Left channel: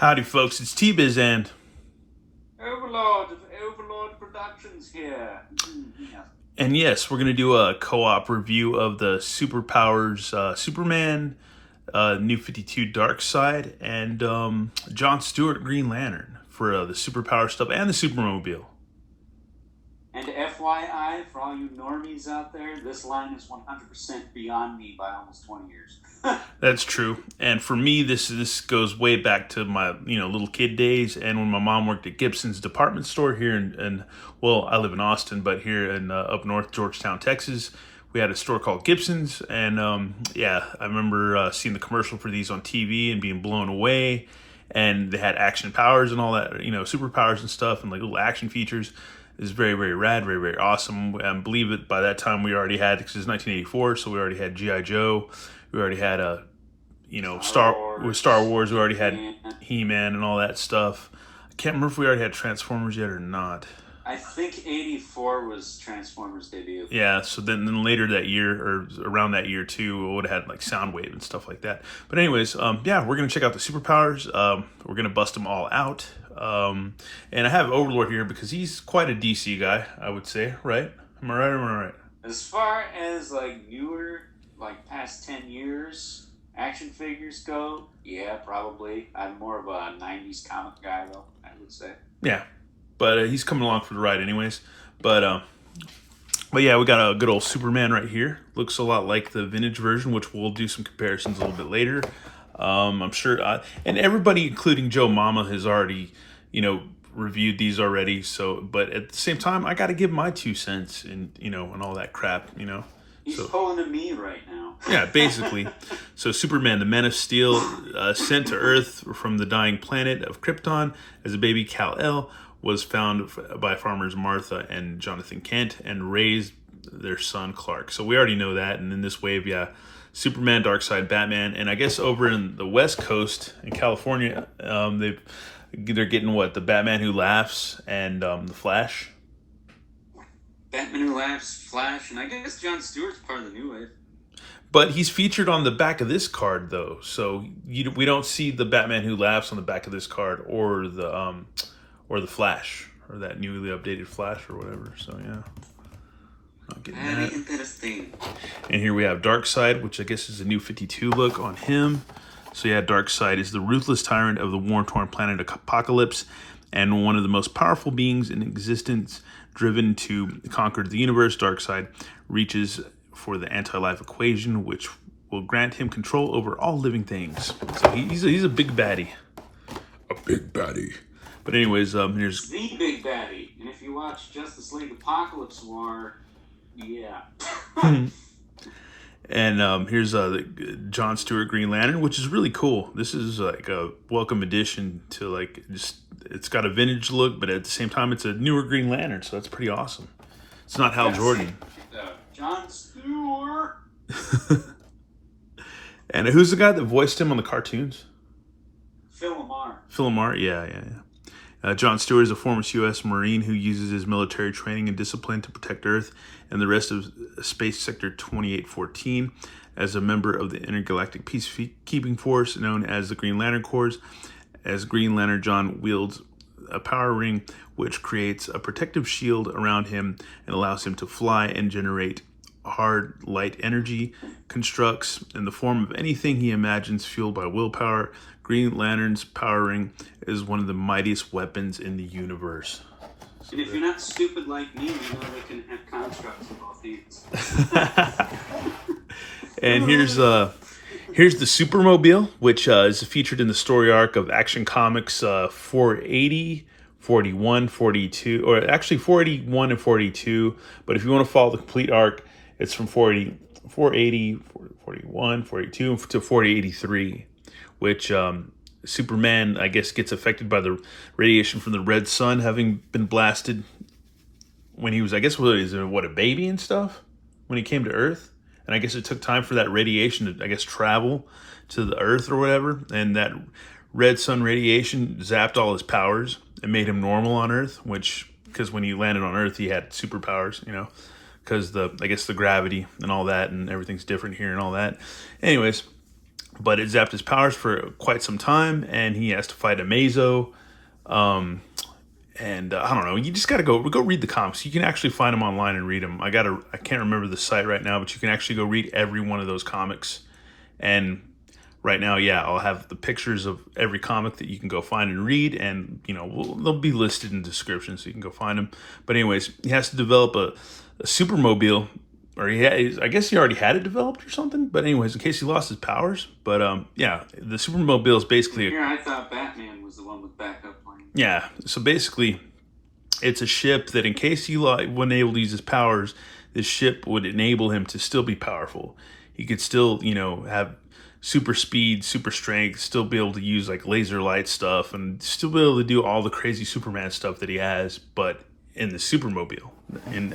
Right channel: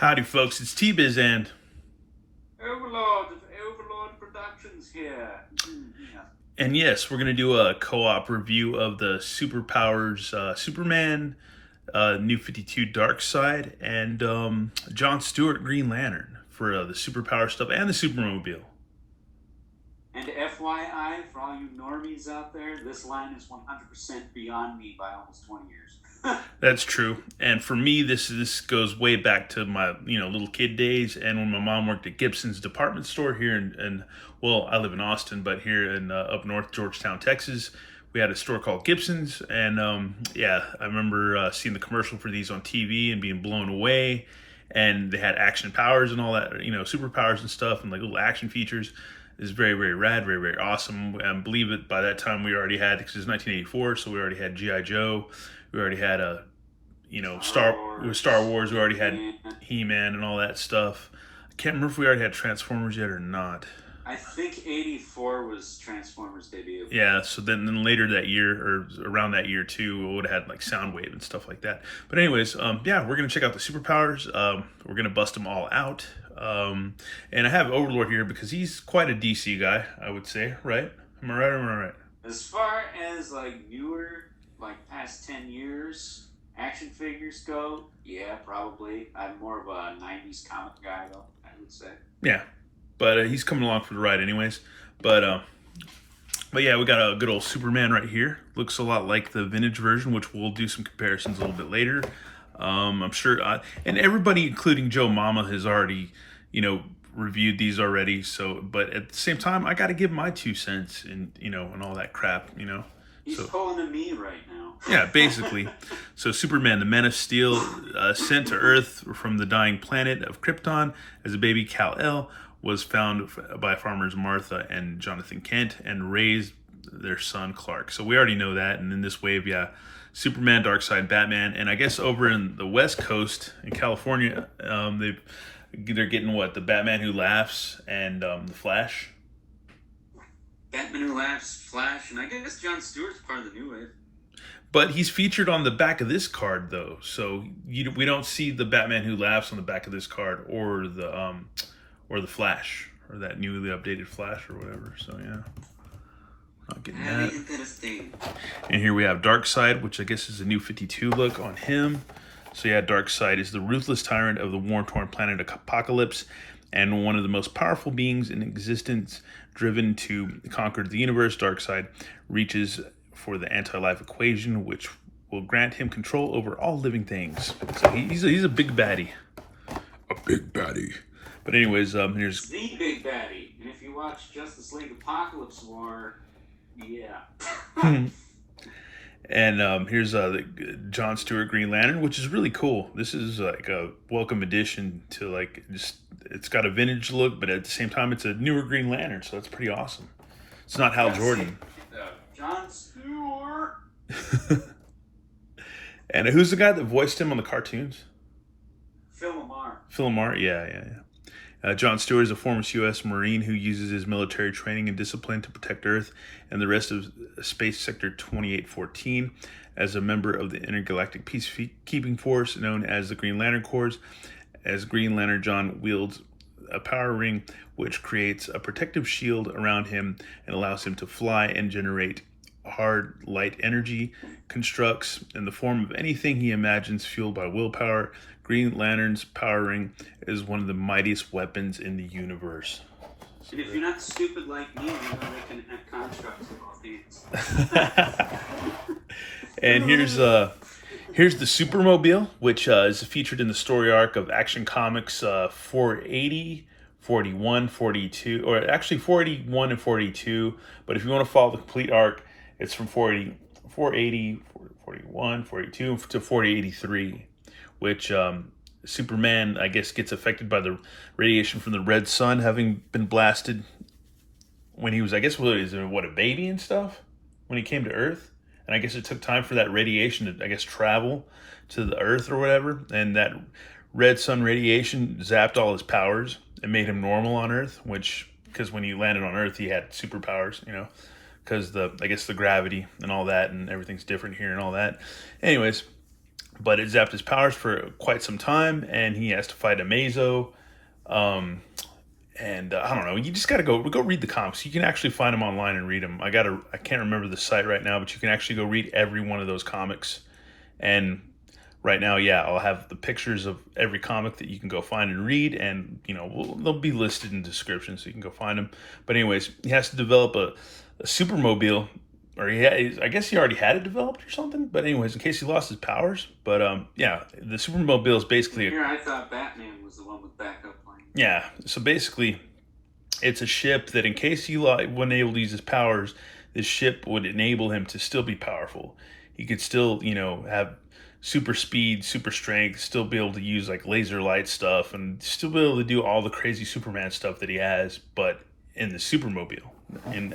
Howdy, folks. It's T-Biz and Overlord of Overlord Productions here. Yeah. yes, we're gonna do a co-op review of the Superpowers Superman, New 52 Dark Side, and John Stewart Green Lantern for the Superpower stuff and the Supermobile. And FYI, for all you normies out there, this line is 100% beyond me by almost 20 years. That's true. And for me, this goes way back to my little kid days, and when my mom worked at Gibson's department store here in well, I live in Austin, but here in up north, Georgetown, Texas, we had a store called Gibson's, and yeah, I remember seeing the commercial for these on TV and being blown away. And they had action powers and all that, superpowers and stuff, and like little action features. Is very, very rad, very, very awesome. I believe that by that time we already had, because it's 1984, so we already had G.I. Joe. We already had Star Wars. We already had He-Man and all that stuff. I can't remember if we already had Transformers yet or not. I think 84 was Transformers' debut. Yeah, so then later that year, or around that year too, we would have had like Soundwave and stuff like that. But anyways, yeah, we're gonna check out the superpowers. We're gonna bust them all out. And I have Overlord here because he's quite a DC guy, I would say, right? Am I right or am I right? As far as like newer, like past 10 years, action figures go, yeah, probably. I'm more of a 90s comic guy, though, I would say. Yeah, but he's coming along for the ride anyways. But yeah, we got a good old Superman right here. Looks a lot like the vintage version, which we'll do some comparisons a little bit later. I'm sure, and everybody, including Joe Mama, has already, reviewed these already. So, but at the same time, I got to give my 2 cents and and all that crap. He's pulling a me right now. Yeah, basically. So Superman, the Man of Steel, sent to Earth from the dying planet of Krypton as a baby. Kal-El was found by farmers Martha and Jonathan Kent and raised their son Clark. So we already know that. And in this wave, yeah, Superman, Darkseid, Batman, and I guess over in the West Coast in California, they're getting what, the Batman Who Laughs and the Flash. Batman Who Laughs, Flash, and I guess Jon Stewart's part of the new wave. But he's featured on the back of this card, though, so we don't see the Batman Who Laughs on the back of this card, or the Flash, or that newly updated Flash, or whatever. So yeah, not getting that. Isn't that a thing? And here we have Darkseid, which I guess is a new 52 look on him. So yeah, Darkseid is the ruthless tyrant of the war-torn planet Apocalypse, and one of the most powerful beings in existence. Driven to conquer the universe, Darkseid reaches for the anti-life equation, which will grant him control over all living things. So he's a big baddie. A big baddie. But anyways, here's the big baddie. And if you watch Justice League Apocalypse War, yeah. And here's the John Stewart Green Lantern, which is really cool. This is like a welcome addition to like just, it's got a vintage look, but at the same time, it's a newer Green Lantern, so that's pretty awesome. It's not Hal Jordan. John Stewart. And who's the guy that voiced him on the cartoons? Phil Lamar. Phil Lamar, yeah. John Stewart is a former U.S. Marine who uses his military training and discipline to protect Earth and the rest of Space Sector 2814 as a member of the Intergalactic Peacekeeping Force known as the Green Lantern Corps. As Green Lantern, John wields a power ring which creates a protective shield around him and allows him to fly and generate hard light energy, constructs in the form of anything he imagines fueled by willpower. Green Lantern's power ring is one of the mightiest weapons in the universe. And if you're not stupid like me, you know they can have constructs in both hands. And here's the Supermobile, which is featured in the story arc of Action Comics 480, 41, 42, or actually 481 and 42. But if you want to follow the complete arc, it's from 480, 41, 42 to 4083, which Superman, I guess, gets affected by the radiation from the red sun having been blasted when he was, I guess, a baby and stuff when he came to Earth. And I guess it took time for that radiation to, I guess, travel to the Earth or whatever. And that red sun radiation zapped all his powers and made him normal on Earth, because when he landed on Earth, he had superpowers, because I guess the gravity and all that and everything's different here and all that. Anyways, but it zapped his powers for quite some time, and he has to fight a Mazo. And I don't know. You just gotta go read the comics. You can actually find them online and read them. I can't remember the site right now, but you can actually go read every one of those comics. And right now, yeah, I'll have the pictures of every comic that you can go find and read, and they'll be listed in the description, so you can go find them. But anyways, he has to develop a Supermobile, or I guess he already had it developed or something. But anyways, in case he lost his powers. But yeah, the Supermobile is basically Here, I thought Batman was the one with backup plan. Yeah, so basically, it's a ship that in case he wasn't able to use his powers, this ship would enable him to still be powerful. He could still, have super speed, super strength, still be able to use like laser light stuff, and still be able to do all the crazy Superman stuff that he has, but in the Supermobile. And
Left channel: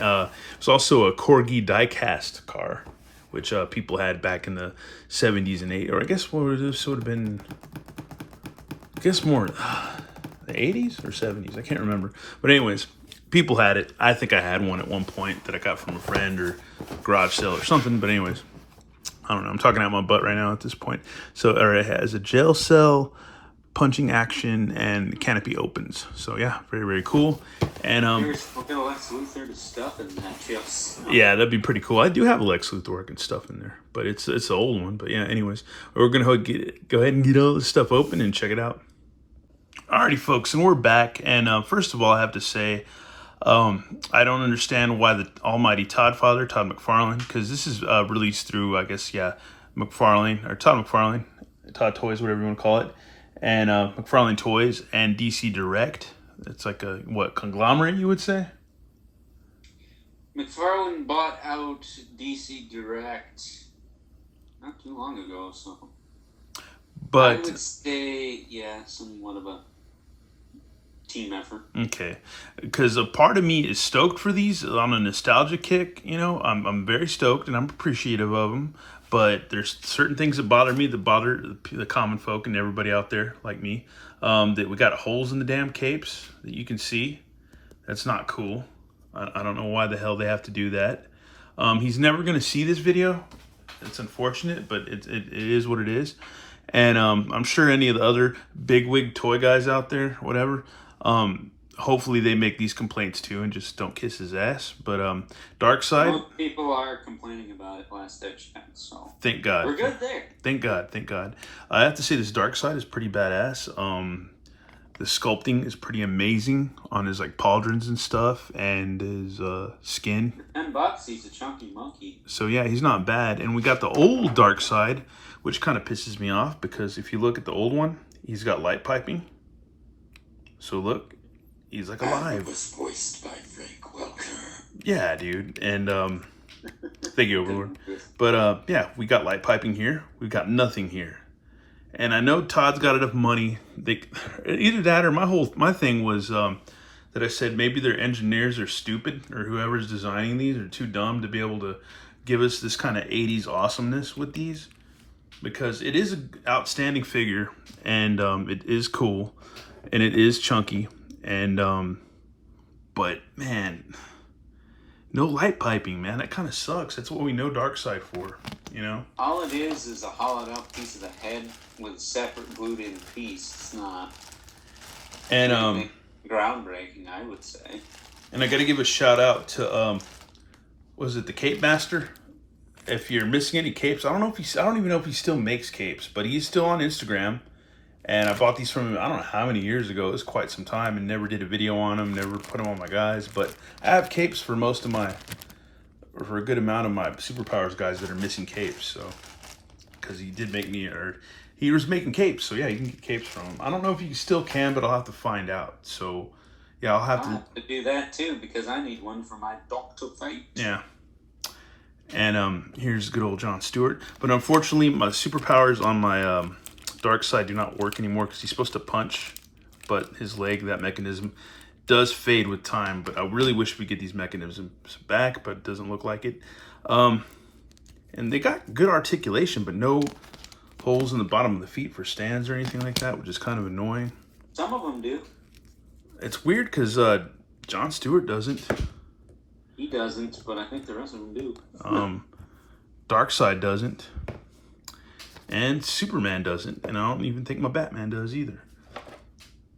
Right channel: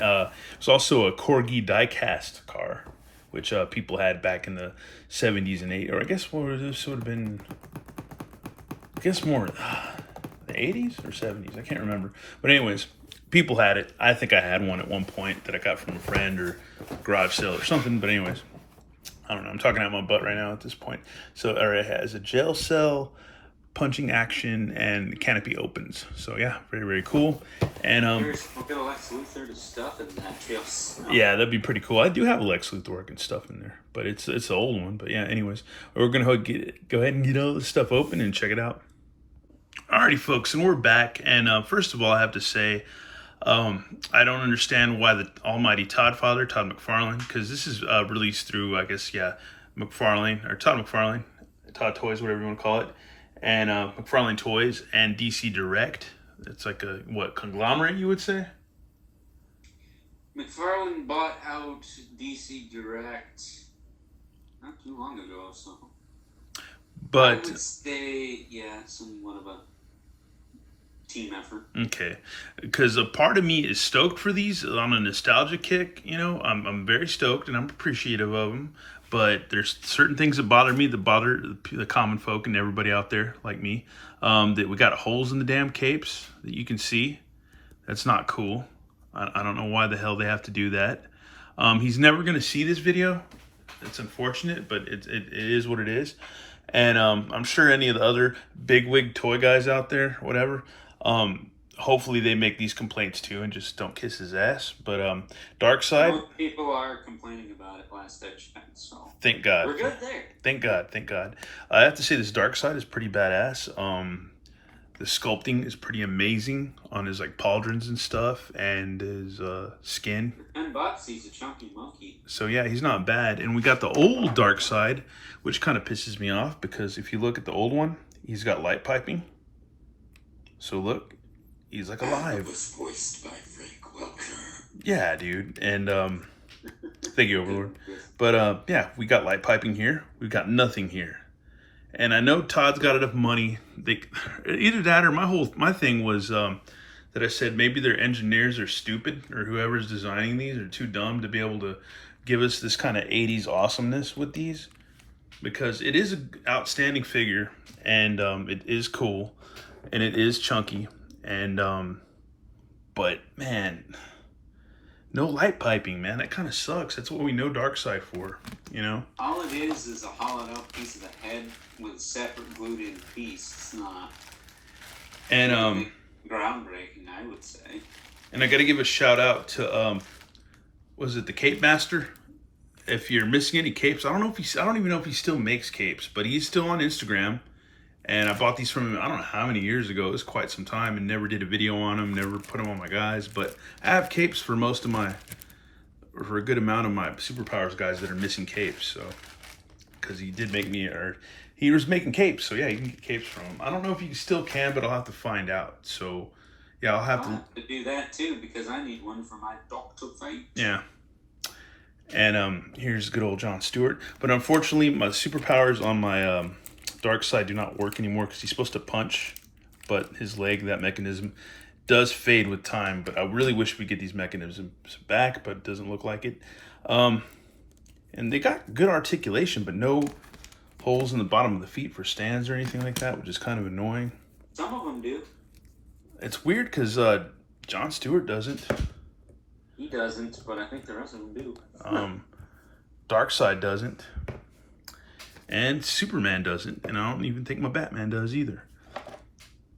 it's also a Corgi diecast car, which people had back in the 70s and 80s, or I guess this would have been, more the 80s or 70s, I can't remember. But anyways, people had it. I think I had one at one point that I got from a friend or garage sale or something. But anyways, I don't know. I'm talking out my butt right now at this point. So it has a jail cell, punching action, and canopy opens. So yeah, very, very cool. And We'll get a Lex Luthor to stuff in that chips. yeah, that'd be pretty cool. I do have a Lex Luthor working stuff in there, but it's the old one. But yeah, anyways, we're gonna go ahead and get all this stuff open and check it out. Alrighty, folks, and we're back. And first of all, I have to say, I don't understand why the almighty Todd McFarlane, because this is released through, I guess, McFarlane, or Todd McFarlane, Todd Toys, whatever you want to call it, and McFarlane Toys and DC Direct. It's like a, conglomerate, you would say? McFarlane bought out DC Direct not too long ago, so... But I would say, somewhat of a team effort. Okay, because a part of me is stoked for these on a nostalgia kick. I'm very stoked and I'm appreciative of them. But there's certain things that bother me, that bother the common folk and everybody out there like me. That we got holes in the damn capes that you can see. That's not cool. I don't know why the hell they have to do that. He's never going to see this video. It's unfortunate, but it is what it is. And I'm sure any of the other bigwig toy guys out there, whatever, hopefully they make these complaints too and just don't kiss his ass. But Darkseid, most people are complaining about it last I checked, so thank God. We're good there. Thank God. I have to say this Darkseid is pretty badass. The sculpting is pretty amazing on his like pauldrons and stuff, and his skin. $10, he's a chunky monkey. So yeah, he's not bad. And we got the old Darkseid, which kind of pisses me off because if you look at the old one, he's got light piping. So look, he's like alive. Was voiced by Frank Welker. Yeah, dude. And thank you, Overlord. But yeah, we got light piping here. We've got nothing here. And I know Todd's got enough money. Either that or my thing was that I said maybe their engineers are stupid, or whoever's designing these are too dumb to be able to give us this kind of 80s awesomeness with these. Because it is an outstanding figure, and it is cool, and it is chunky, and but man, no light piping, man. That kind of sucks. That's what we know Darkseid for, All it is a hollowed out piece of the head with a separate glued in piece. It's not. And groundbreaking, I would say. And I got to give a shout out to was it the Cape Master? If you're missing any capes, I don't even know if he still makes capes, but he's still on Instagram. And I bought these from him, I don't know how many years ago. It was quite some time, and never did a video on them, never put them on my guys. But I have capes for for a good amount of my Superpowers guys that are missing capes. So, because he did make me, or he was making capes. So yeah, you can get capes from him. I don't know if you still can, but I'll have to find out. So yeah, I'll have to do that too, because I need one for my Dr. Fate. Yeah. And here's good old John Stewart. But unfortunately, my Superpowers on my Darkseid do not work anymore because he's supposed to punch, but his leg, that mechanism, does fade with time. But I really wish we get these mechanisms back, but it doesn't look like it. And they got good articulation, but no holes in the bottom of the feet for stands or anything like that, which is kind of annoying. Some of them do. It's weird because John Stewart doesn't. He doesn't, but I think the rest of them do. Darkseid doesn't. And Superman doesn't, and I don't even think my Batman does either.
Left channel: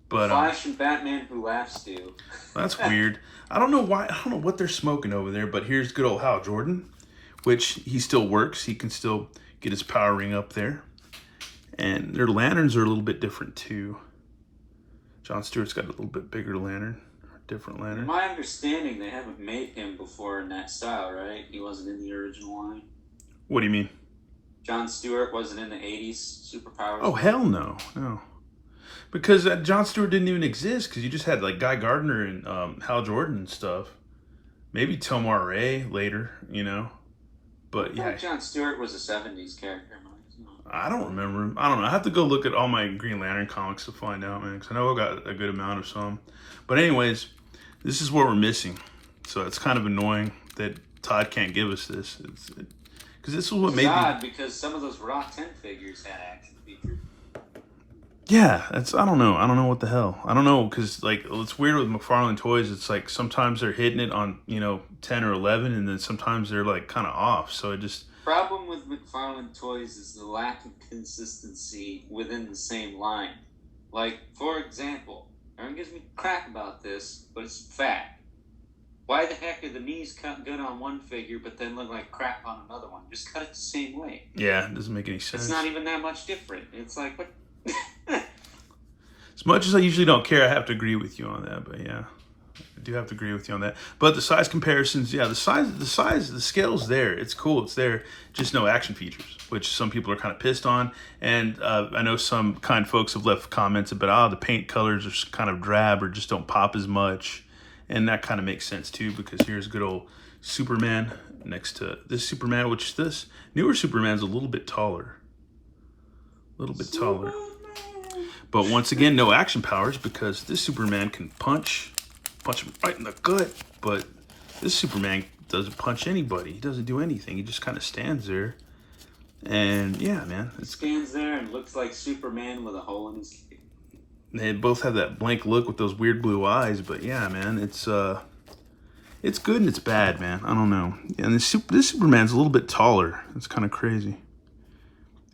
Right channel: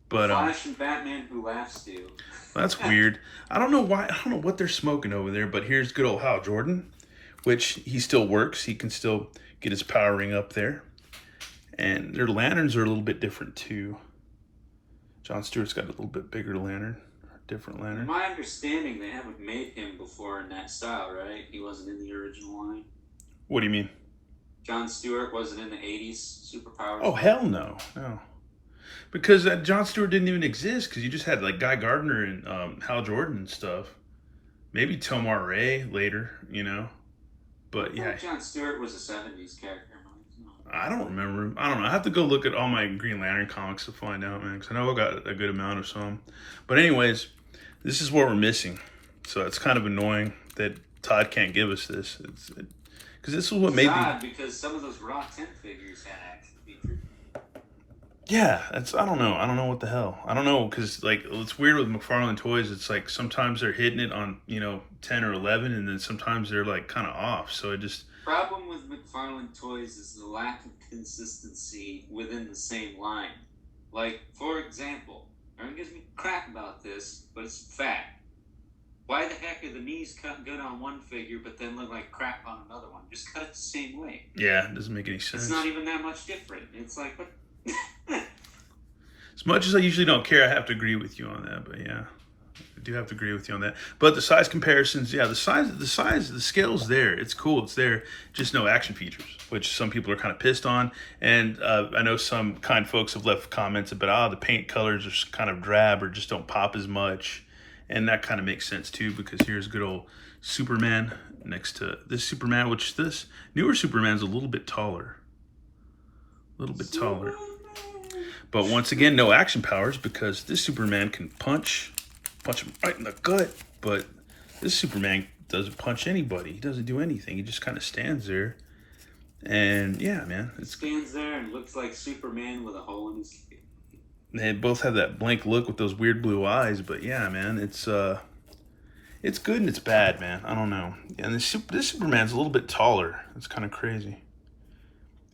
But Flash and Batman who laughs do. That's weird. I don't know why. I don't know what they're smoking over there. But here's good old Hal Jordan, which he still works. He can still get his power ring up there. And their lanterns are a little bit different too. John Stewart's got a little bit bigger lantern, different lantern. In my understanding, they haven't made him before in that style, right? He wasn't in the original line. What do you mean? John Stewart wasn't in the 80s Superpowers. Oh, hell no. No. Because John Stewart didn't even exist, because you just had like Guy Gardner and Hal Jordan and stuff. Maybe Tomar Ray later, you know. But yeah. John Stewart was a 70s character. I don't remember him. I don't know. I have to go look at all my Green Lantern comics to find out, man. Because I know I got a good amount of some. But anyways, this is what we're missing. So it's kind of annoying that Todd can't give us this. Because this is what made odd, because some of those Raw 10 figures had action features. Yeah, I don't know. I don't know what the hell. I don't know, because like it's weird with McFarlane Toys. It's like sometimes they're hitting it on 10 or 11, and then sometimes they're like kind of off. So it just problem with McFarlane Toys is the lack of consistency within the same line. Like, for example, everyone gives me crap about this, but it's fact. Why the heck are the knees cut good on one figure, but then look like crap on another one? Just cut it the same way. Yeah, it doesn't make any sense. It's not even that much different. It's like, what? As much as I usually don't care, I have to agree with you on that. But yeah, I do have to agree with you on that. But the size comparisons, yeah, the scale's there. It's cool. It's there. Just no action features, which some people are kind of pissed on. And I know some kind folks have left comments about, the paint colors are kind of drab or just don't pop as much. And that kind of makes sense too, because here's good old Superman next to this Superman, which this newer Superman's a little bit taller. A little bit taller. But once again, no action powers, because this Superman can punch him right in the gut. But this Superman doesn't punch anybody. He doesn't do anything. He just kind of stands there. And yeah, man. He stands there and looks like Superman with a hole in his skin. They both have that blank look with those weird blue eyes. But yeah, man, it's good and it's bad, man. I don't know. And this Superman's a little bit taller. It's kind of crazy.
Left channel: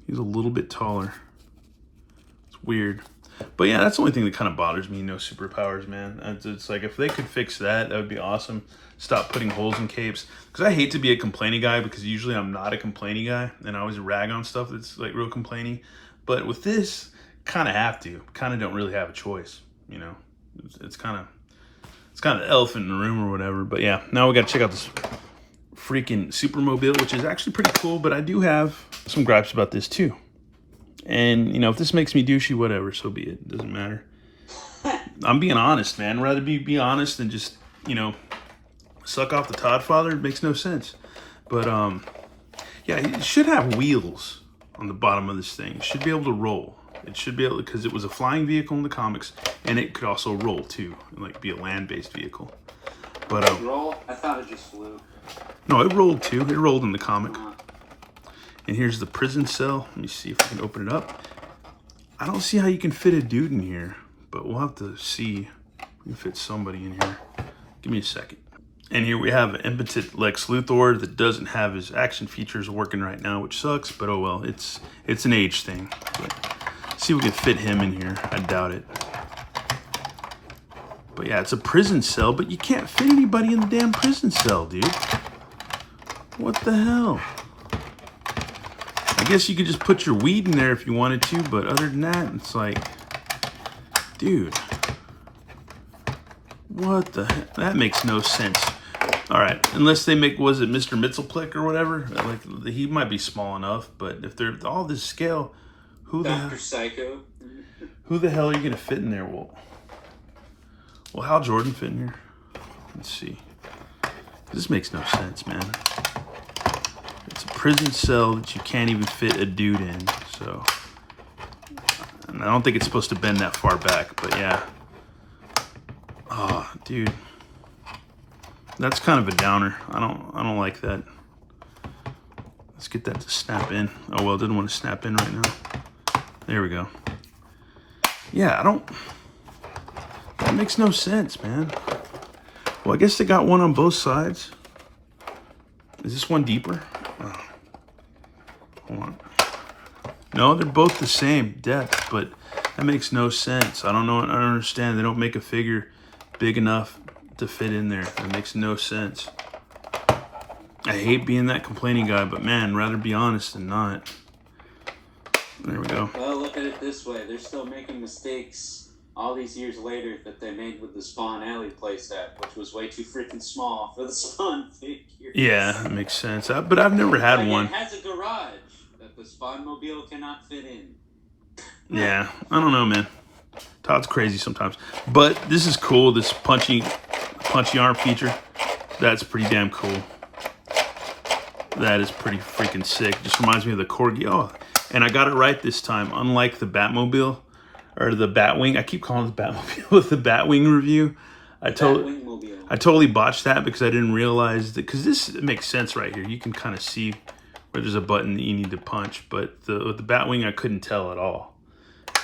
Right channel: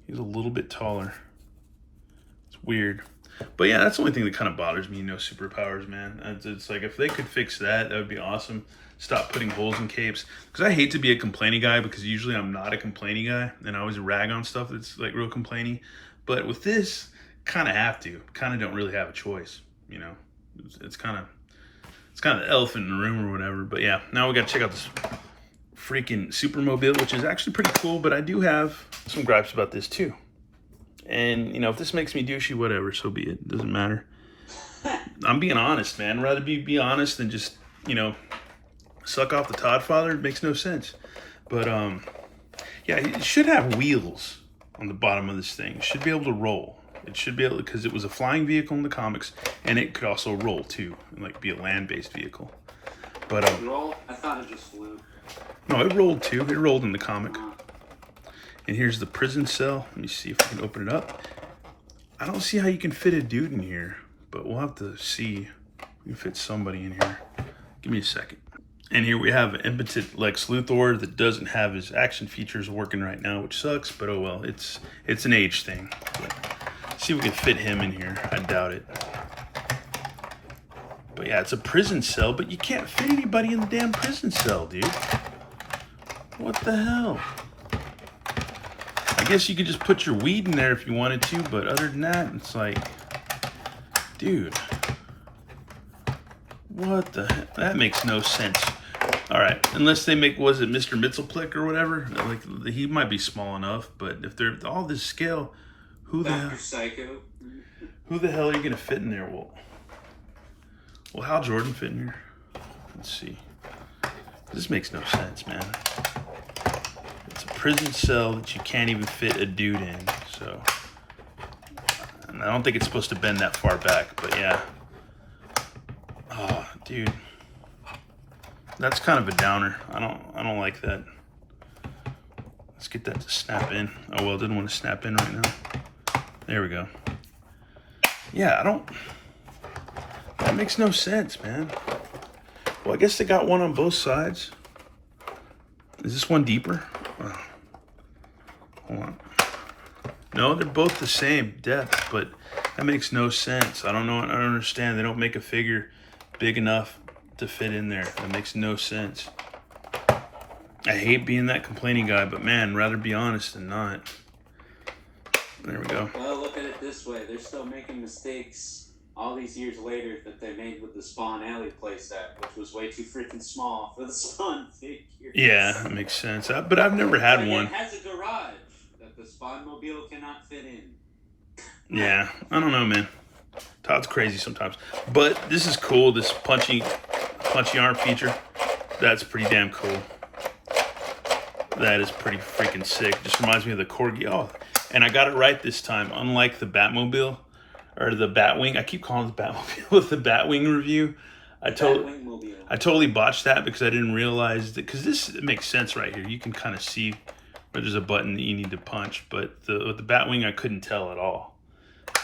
He's a little bit taller. Weird. But yeah, that's the only thing that kind of bothers me, superpowers, man. It's like, if they could fix that, that would be awesome. Stop putting holes in capes. Because I hate to be a complaining guy, because usually I'm not a complaining guy, and I always rag on stuff that's like real complaining. But with this, kind of have to. Kind of don't really have a choice, It's kind of the elephant in the room or whatever. But yeah, now we got to check out this freaking Supermobile, which is actually pretty cool. But I do have some gripes about this too. And, if this makes me douchey, whatever, so be it. It doesn't matter. I'm being honest, man. I'd rather be honest than just, suck off the Todd father. It makes no sense. But, yeah, it should have wheels on the bottom of this thing. It should be able to roll. It should be able to, because it was a flying vehicle in the comics, and it could also roll, too. Like, be a land-based vehicle. But, roll? I thought it just flew. No, it rolled, too. It rolled in the comic. And here's the prison cell. Let me see if I can open it up. I don't see how you can fit a dude in here, but we'll have to see if we can fit somebody in here. Give me a second. And here we have an impotent Lex Luthor that doesn't have his action features working right now, which sucks, but oh well. It's an age thing. But see if we can fit him in here. I doubt it. But yeah, it's a prison cell, but you can't fit anybody in the damn prison cell, dude. What the hell? I guess you could just put your weed in there if you wanted to, but other than that, it's like, dude, what the heck? That makes no sense. All right, unless they make, was it Mr. Mitzelplick or whatever? Like, he might be small enough, but if they're all this scale, who the hell? Psycho. Who the hell are you gonna fit in there? Well, Hal Jordan fit in here. Let's see. This makes no sense, man. It's a prison cell that you can't even fit a dude in, so and I don't think it's supposed to bend that far back, but yeah. Oh, dude, that's kind of a downer. I don't like that. Let's get that to snap in. Oh well, didn't want to snap in right now. There we go. Yeah, that makes no sense, man. Well, I guess they got one on both sides. Is this one deeper? Oh. Hold on. No, they're both the same depth, but that makes no sense. I don't know. I don't understand. They don't make a figure big enough to fit in there. That makes no sense. I hate being that complaining guy, but man, rather be honest than not. There we go. Well, look at it this way. They're still making mistakes all these years later that they made with the Spawn Alley playset, which was way too freaking small for the Spawn figure. Yeah, that makes sense. But I've never had one. It has a garage that the Spawnmobile cannot fit in. Yeah, I don't know, man. Todd's crazy sometimes. But this is cool, this punchy arm feature. That's pretty damn cool. That is pretty freaking sick. Just reminds me of the Corgi. Oh, and I got it right this time. Unlike the Batmobile or the Batwing. I keep calling it the Batmobile with the Batwing review. I totally botched that because I didn't realize that, because this makes sense right here. You can kind of see where there's a button that you need to punch, but with the Batwing I couldn't tell at all.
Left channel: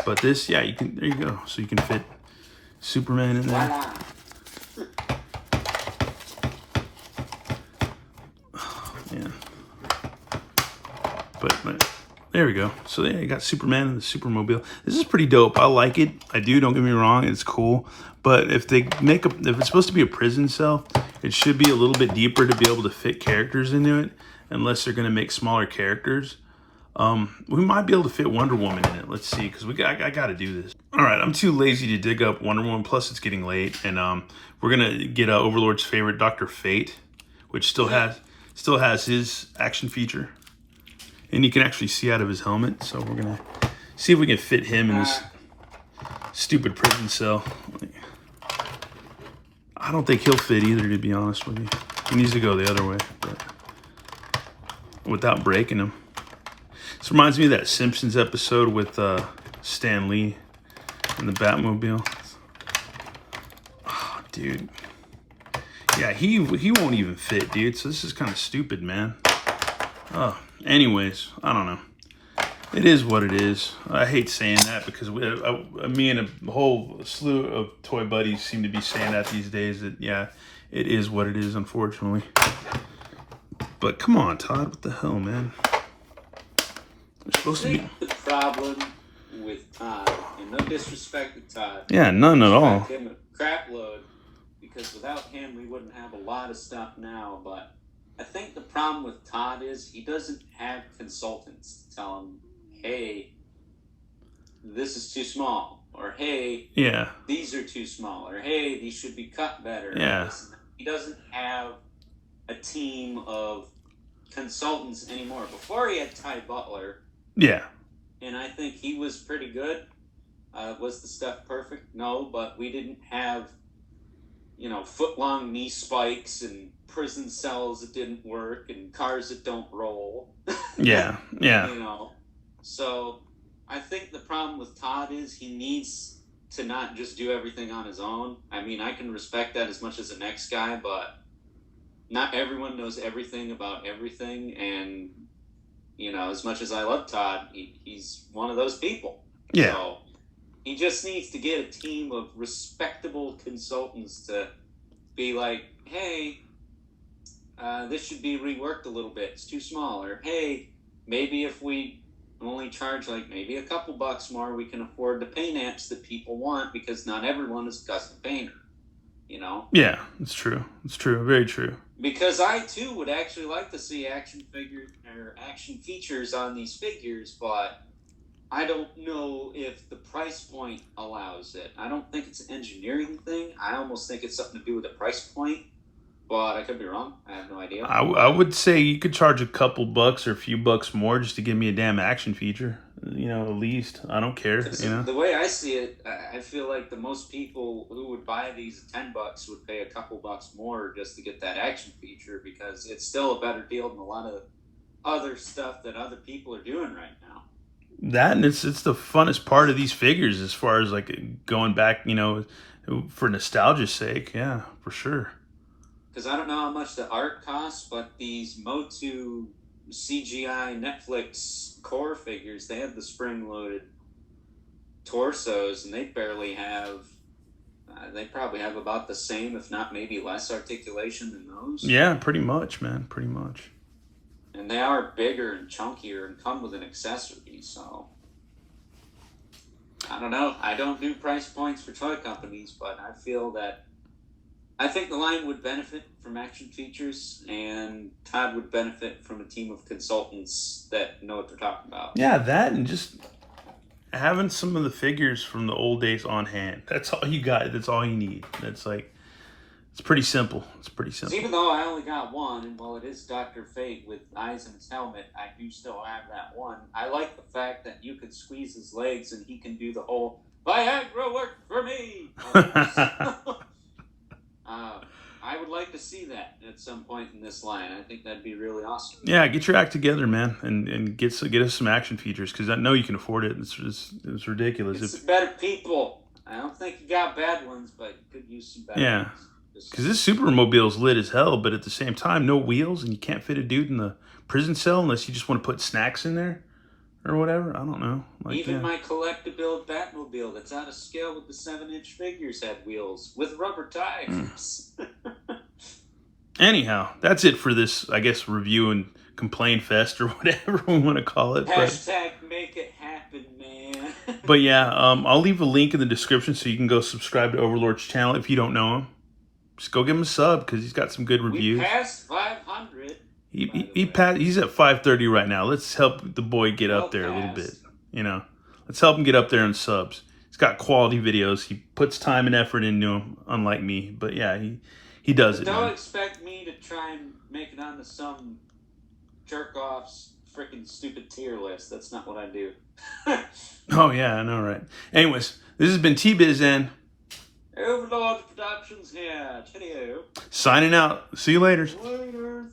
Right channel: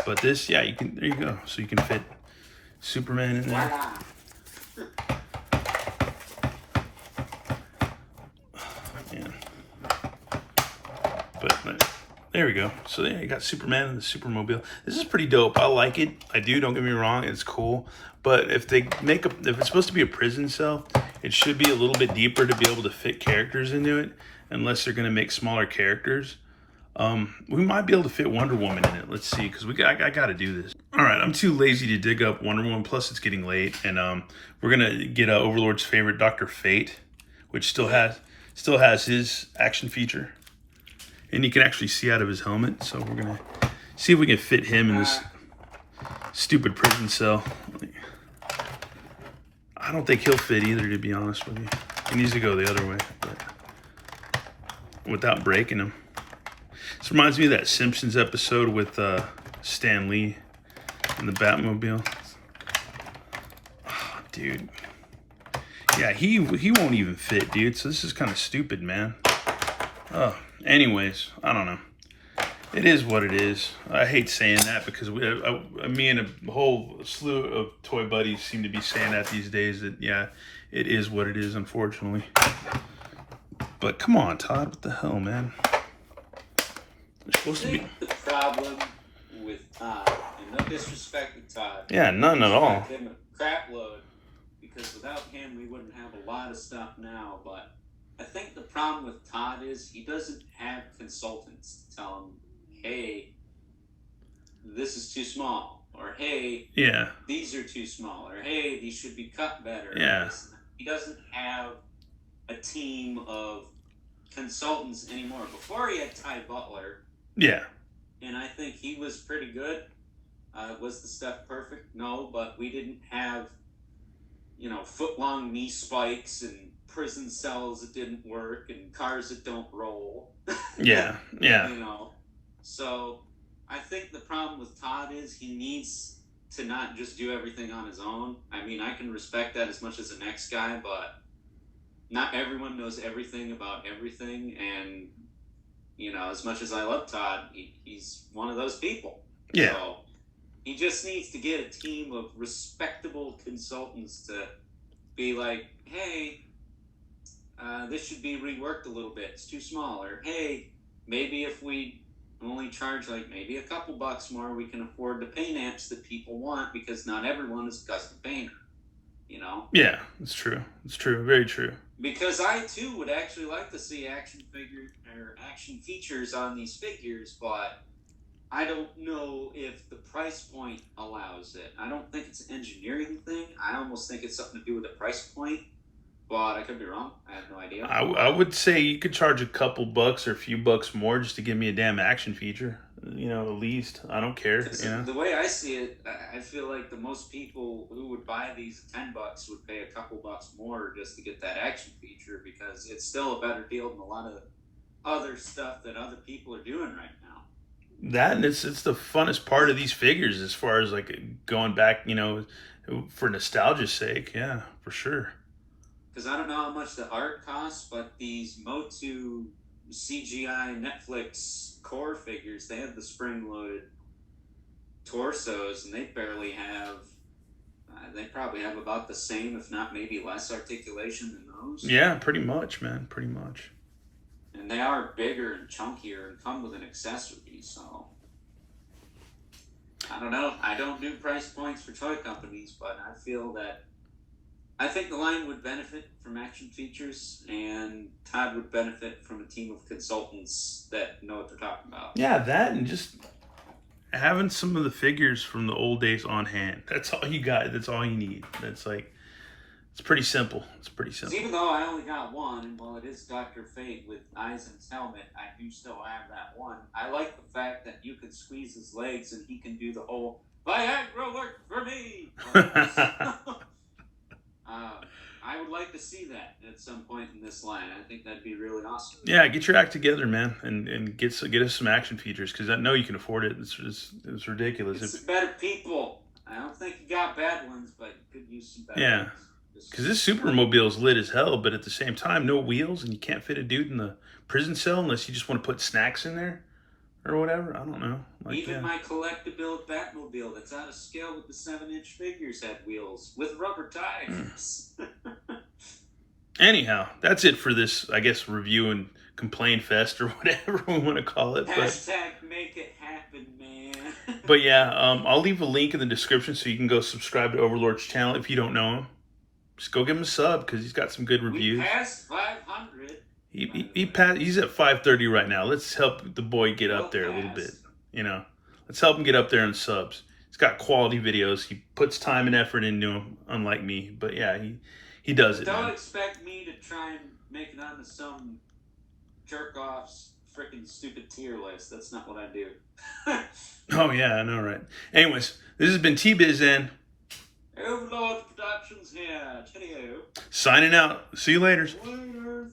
But this, yeah, you can. There you go. So you can fit Superman in there. Yeah. But there we go. So yeah, you got Superman and the Supermobile. This is pretty dope. I like it. I do. Don't get me wrong. It's cool. But if they make if it's supposed to be a prison cell, it should be a little bit deeper to be able to fit characters into it. Unless they're gonna make smaller characters. We might be able to fit Wonder Woman in it. Let's see, because I got to do this. All right, I'm too lazy to dig up Wonder Woman. Plus, it's getting late, and we're gonna get Overlord's favorite, Dr. Fate, which still has his action feature, and you can actually see out of his helmet. So we're gonna see if we can fit him in this stupid prison cell. I don't think he'll fit either, to be honest with you. He needs to go the other way, but without breaking him. This reminds me of that Simpsons episode with Stan Lee and the Batmobile. Oh, dude. Yeah, he won't even fit, dude. So this is kind of stupid, man. Oh, anyways, I don't know. It is what it is. I hate saying that because me and a whole slew of toy buddies seem to be saying that these days. That, yeah, it is what it is, unfortunately. But come on, Todd. What the hell, man? Supposed to be the problem with Todd, and no disrespect to Todd. Yeah, none at all. Him a crap load, because without him we wouldn't have a lot of stuff now. But I think the problem with Todd is he doesn't have consultants to tell him, "Hey, this is too small," or "Hey, yeah, these are too small," or "Hey, these should be cut better." Yeah, he doesn't have a team of consultants anymore. Before he had Ty Butler. Yeah. And I think he was pretty good. Was the stuff perfect? No, but we didn't have, foot-long knee spikes and prison cells that didn't work and cars that don't roll. Yeah, yeah. So I think the problem with Todd is he needs to not just do everything on his own. I mean, I can respect that as much as the next guy, but not everyone knows everything about everything, and as much as I love Todd, he's one of those people. Yeah. So he just needs to get a team of respectable consultants to be like, "Hey, this should be reworked a little bit. It's too small." Or, "Hey, maybe if we only charge maybe a couple bucks more, we can afford the paint apps that people want, because not everyone is a custom painter." Yeah, it's true. It's true. Very true. Because I too would actually like to see action features on these figures, but I don't know if the price point allows it. I don't think it's an engineering thing. I almost think it's something to do with the price point, but I could be wrong. I have no idea. I would say you could charge a couple bucks or a few bucks more just to give me a damn action feature. At least. I don't care. The way I see it, I feel like the most people who would buy these at $10 would pay a couple bucks more just to get that action feature, because it's still a better deal than a lot of other stuff that other people are doing right now. That, and it's the funnest part of these figures as far as going back, for nostalgia's sake. Yeah, for sure. Because I don't know how much the art costs, but these Motu CGI Netflix core figures, they have the spring-loaded torsos, and they barely have, they probably have about the same, if not maybe less articulation than those. Yeah, pretty much, man. Pretty much. And they are bigger and chunkier and come with an accessory, so I don't know. I don't do price points for toy companies, but I think the line would benefit from action features, and Todd would benefit from a team of consultants that know what they're talking about. Yeah, that and just having some of the figures from the old days on hand. That's all you got. That's all you need. That's like, it's pretty simple. It's pretty simple. Even though I only got one, and while it is Dr. Fate with eyes in his helmet, I do still have that one. I like the fact that you can squeeze his legs and he can do the whole Viagra work for me. I would like to see that at some point in this line. I think that'd be really awesome. Yeah, get your act together, man, and get us some action features, because I know you can afford it. It's ridiculous. It's better people. I don't think you got bad ones, but you could use some better ones. Because this Supermobile's lit as hell, but at the same time, no wheels, and you can't fit a dude in the prison cell unless you just want to put snacks in there or whatever. I don't know. Even my collectible Batmobile that's out of scale with the 7-inch figures had wheels with rubber tires. Anyhow, that's it for this, I guess, review and complain fest or whatever we want to call it. Hashtag make it happen, man. But yeah, I'll leave a link in the description so you can go subscribe to Overlord's channel if you don't know him. Just go give him a sub because he's got some good reviews. We passed 500. He's at 530 right now. Let's help the boy get up there a little bit. You know, let's help him get up there in subs. He's got quality videos. He puts time and effort into them, unlike me. But yeah, he does it. Don't expect me to try and make it onto some jerk off's freaking stupid tier list. That's not what I do. Oh yeah, I know, right? Anyways, this has been T-Biz and Overlord Productions here. Cheerio. Signing out. See you later. Later.